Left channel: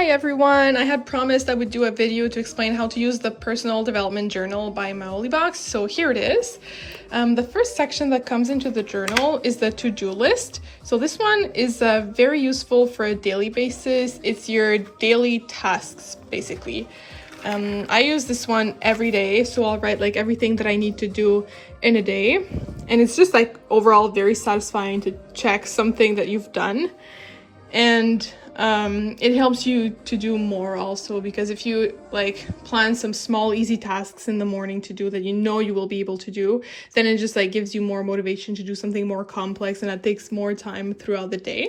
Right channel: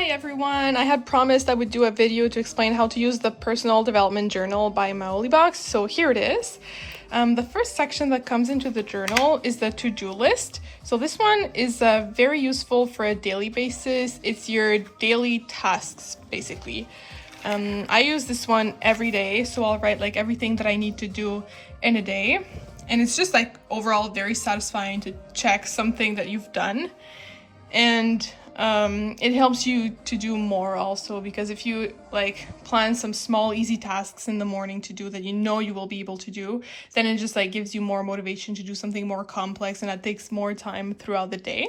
Hi everyone! I had promised I would do a video to explain how to use the Personal Development Journal by Maolibox, so here it is. The first section that comes into the journal is the to-do list. So this one is very useful for a daily basis. It's your daily tasks, basically. I use this one every day, so I'll write like everything that I need to do in a day. And it's just like overall very satisfying to check something that you've done. And it helps you to do more also, because if you like plan some small easy tasks in the morning to do that you know you will be able to do, then it just like gives you more motivation to do something more complex, and that takes more time throughout the day.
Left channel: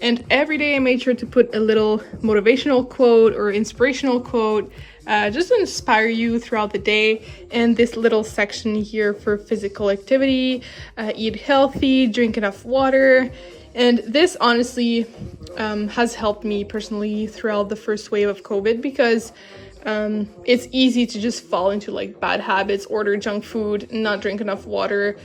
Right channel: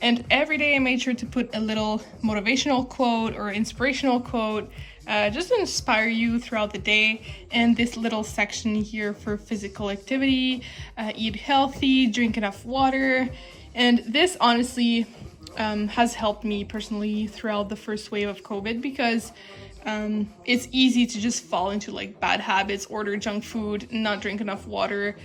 And every day I made sure to put a little motivational quote or inspirational quote just to inspire you throughout the day. And this little section here for physical activity, eat healthy, drink enough water. And this honestly has helped me personally throughout the first wave of COVID, because it's easy to just fall into like bad habits, order junk food, not drink enough water,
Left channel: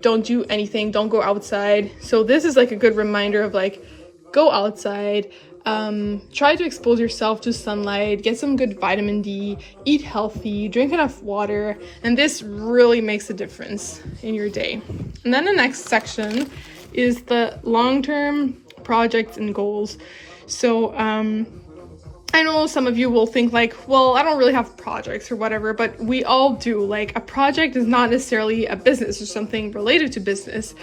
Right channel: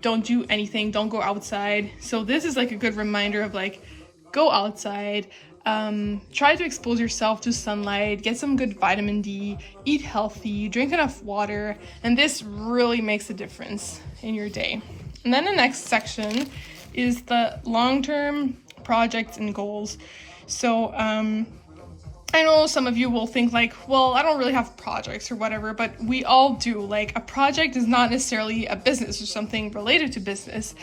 don't do anything, don't go outside. So this is like a good reminder of like, go outside, try to expose yourself to sunlight, get some good vitamin D, eat healthy, drink enough water, and this really makes a difference in your day. And then the next section is the long-term projects and goals. So I know some of you will think like, well, I don't really have projects or whatever, but we all do. Like, a project is not necessarily a business or something related to business.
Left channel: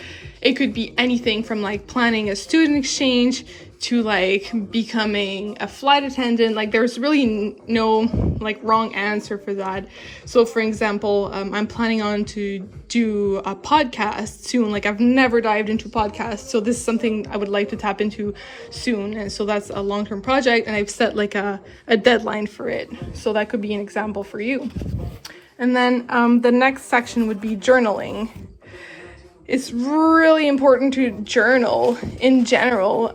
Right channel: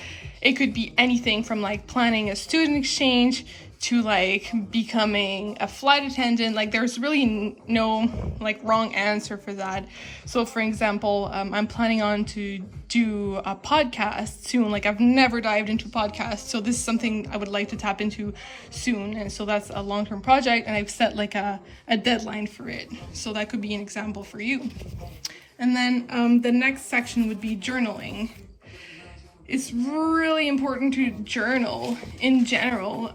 It could be anything from like planning a student exchange to like becoming a flight attendant. Like, there's really no like wrong answer for that. So for example, I'm planning on to do a podcast soon. Like, I've never dived into podcasts, so this is something I would like to tap into soon. And so that's a long-term project, and I've set like a deadline for it. So that could be an example for you. And then the next section would be journaling. It's really important to journal in general,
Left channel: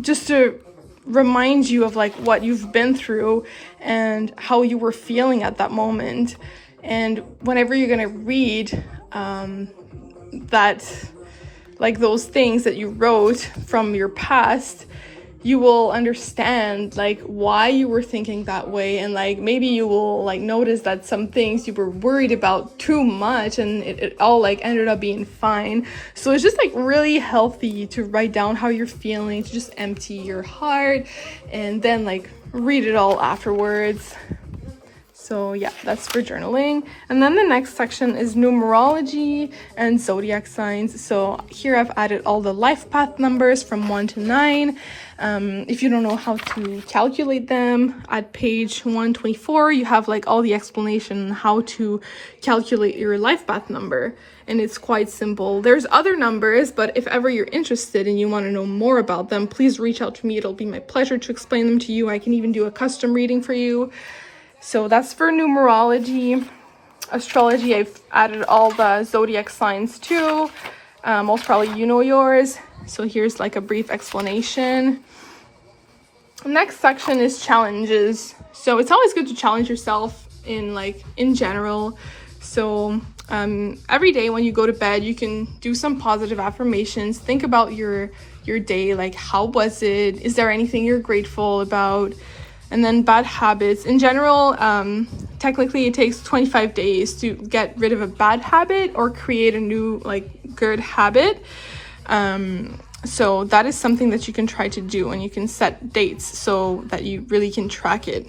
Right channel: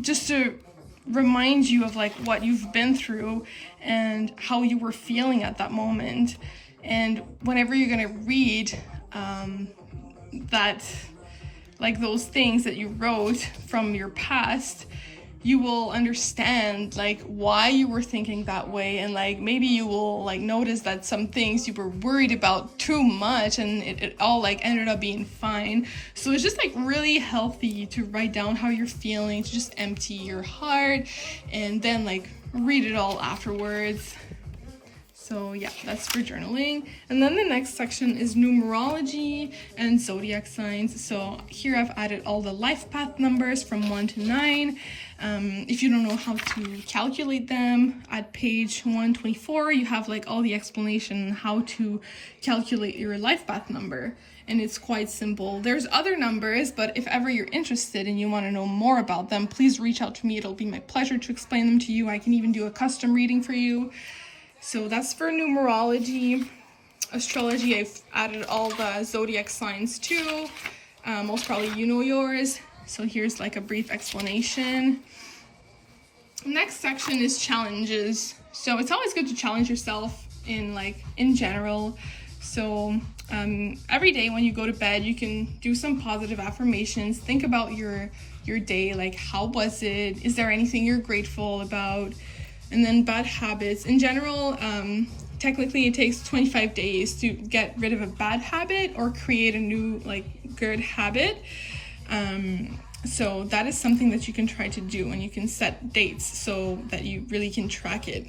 just to remind you of like what you've been through and how you were feeling at that moment. And whenever you're gonna read that, like those things that you wrote from your past, you will understand like why you were thinking that way, and like maybe you will like notice that some things you were worried about too much and it all like ended up being fine. So it's just like really healthy to write down how you're feeling, to just empty your heart and then like read it all afterwards. So yeah, that's for journaling. And then the next section is numerology and zodiac signs. So here I've added all the life path numbers from 1 to 9. If you don't know how to calculate them, at page 124, you have like all the explanation on how to calculate your life path number. And it's quite simple. There's other numbers, but if ever you're interested and you want to know more about them, please reach out to me. It'll be my pleasure to explain them to you. I can even do a custom reading for you. So that's for numerology. Astrology, I've added all the zodiac signs too. Most probably you know yours. So here's like a brief explanation. Next section is challenges. So it's always good to challenge yourself in general. So every day when you go to bed, you can do some positive affirmations. Think about your day, like how was it? Is there anything you're grateful about? And then bad habits. In general, technically it takes 25 days to get rid of a bad habit or create a new like good habit. So that is something that you can try to do, and you can set dates so that you really can track it.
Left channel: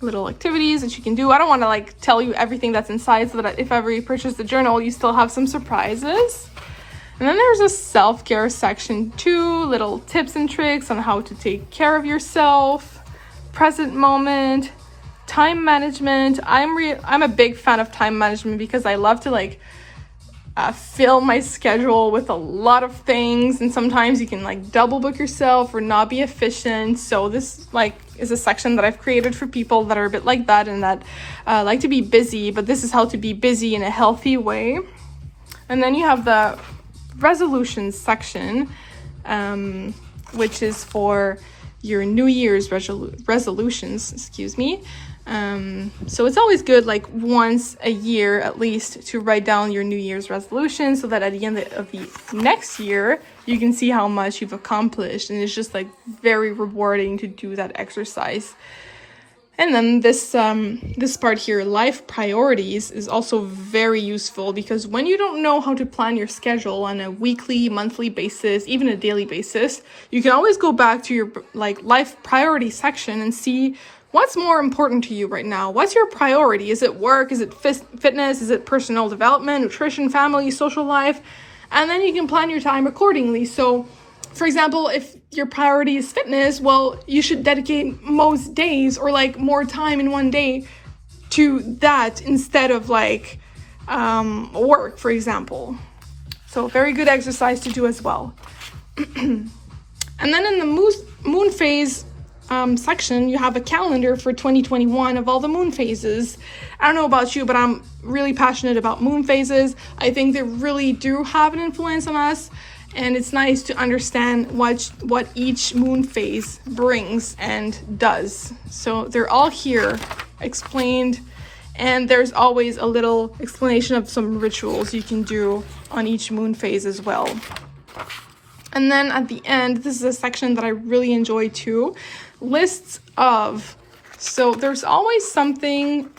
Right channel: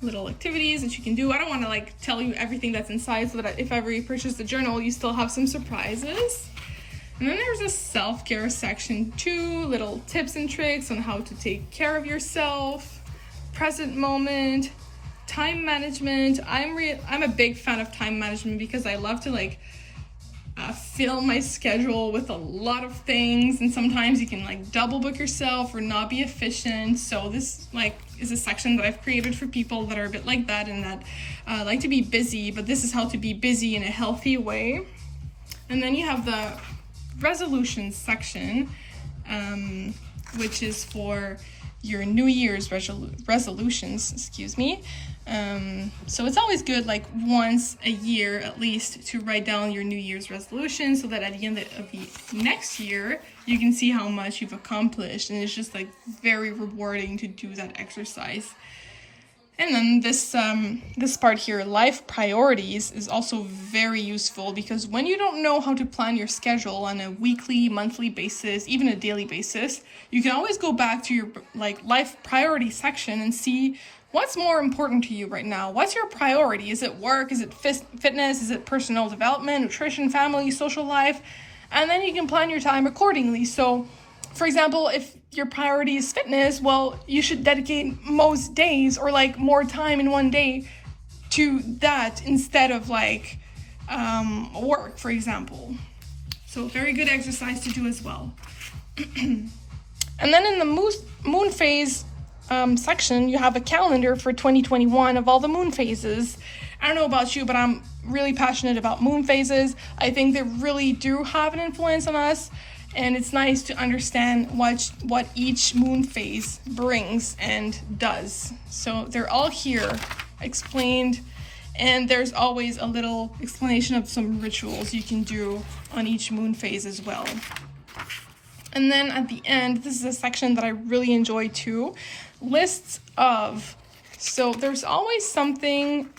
Little activities that you can do. I don't want to like tell you everything that's inside, so that if ever you purchase the journal, you still have some surprises. And then there's a self-care section too, little tips and tricks on how to take care of yourself, present moment, time management. I'm a big fan of time management because I love to like fill my schedule with a lot of things, and sometimes you can like double book yourself or not be efficient. So this like is a section that I've created for people that are a bit like that and that like to be busy, but this is how to be busy in a healthy way. And then you have the resolutions section, which is for your New Year's resolutions, so it's always good like once a year at least to write down your New Year's resolution, so that at the end of the next year you can see how much you've accomplished, and it's just like very rewarding to do that exercise. And then this part here, life priorities, is also very useful, because when you don't know how to plan your schedule on a weekly, monthly basis, even a daily basis, you can always go back to your like life priority section and see what's more important to you right now. What's your priority? Is it work? Is it fitness? Is it personal development, nutrition, family, social life? And then you can plan your time accordingly. So, for example, if your priority is fitness, well, you should dedicate most days or like more time in one day to that instead of like work, for example. So very good exercise to do as well. And then in the moon phase section, you have a calendar for 2021 of all the moon phases. I don't know about you, but I'm really passionate about moon phases. I think they really do have an influence on us. And it's nice to understand what each moon phase brings and does. So they're all here explained, and there's always a little explanation of some rituals you can do on each moon phase as well. And then at the end, this is a section that I really enjoy too, lists of. So there's always something,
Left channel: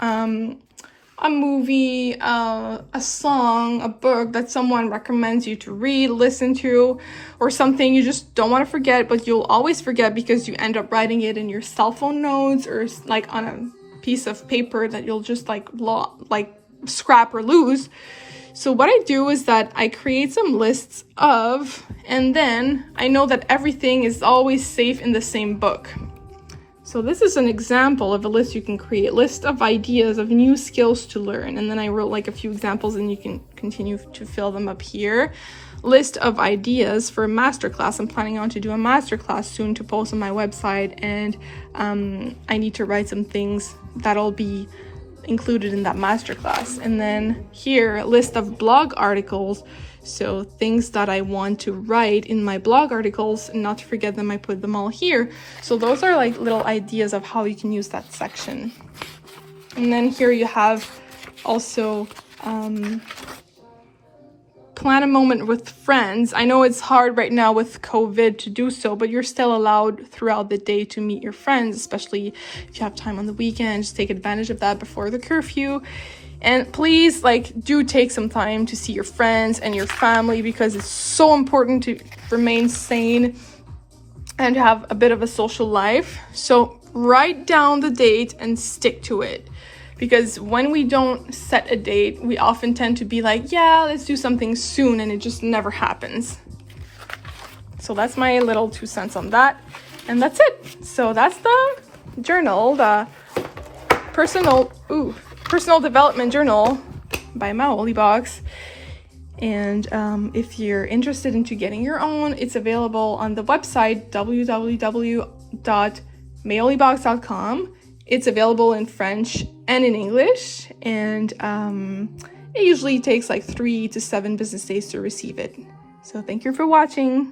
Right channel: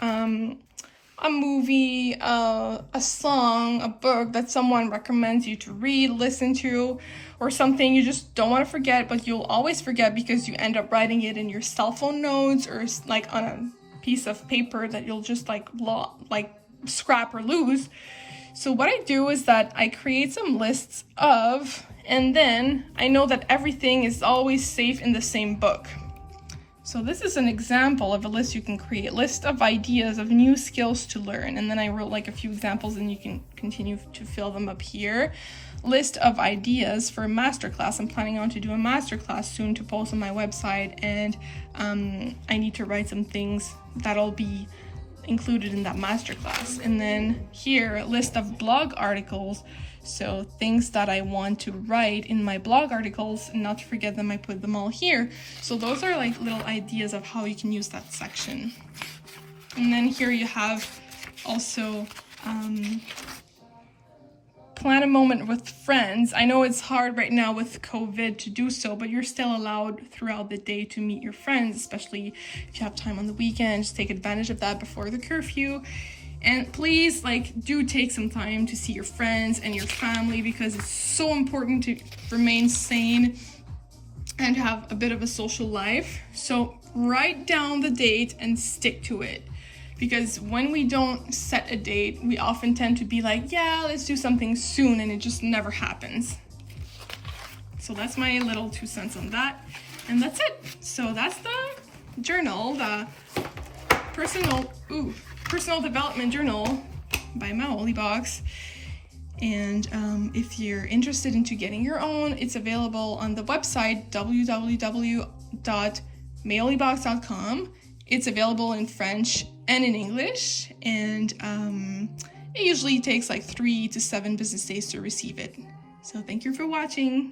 a movie, a song, a book that someone recommends you to read, listen to, or something you just don't want to forget, but you'll always forget because you end up writing it in your cell phone notes or like on a piece of paper that you'll just like scrap or lose. So what I do is that I create some lists of, and then I know that everything is always safe in the same book. So this is an example of a list you can create, list of ideas of new skills to learn. And then I wrote like a few examples, and you can continue to fill them up here. List of ideas for a masterclass. I'm planning on to do a masterclass soon to post on my website, and I need to write some things that'll be included in that masterclass. And then here, a list of blog articles. So things that I want to write in my blog articles, and not to forget them, I put them all here. So those are like little ideas of how you can use that section. And then here you have also plan a moment with friends. I know it's hard right now with COVID to do so, but you're still allowed throughout the day to meet your friends, especially if you have time on the weekend. Just take advantage of that before the curfew. And please, do take some time to see your friends and your family, because it's so important to remain sane and have a bit of a social life. So write down the date and stick to it. Because when we don't set a date, we often tend to be like, yeah, let's do something soon, and it just never happens. So that's my little 2 cents on that. And that's it. So that's the journal, the personal development journal by Maolibox. And if you're interested into getting your own, it's available on the website www.maolibox.com. It's available in French and in English, and it usually takes 3 to 7 business days to receive it. So thank you for watching.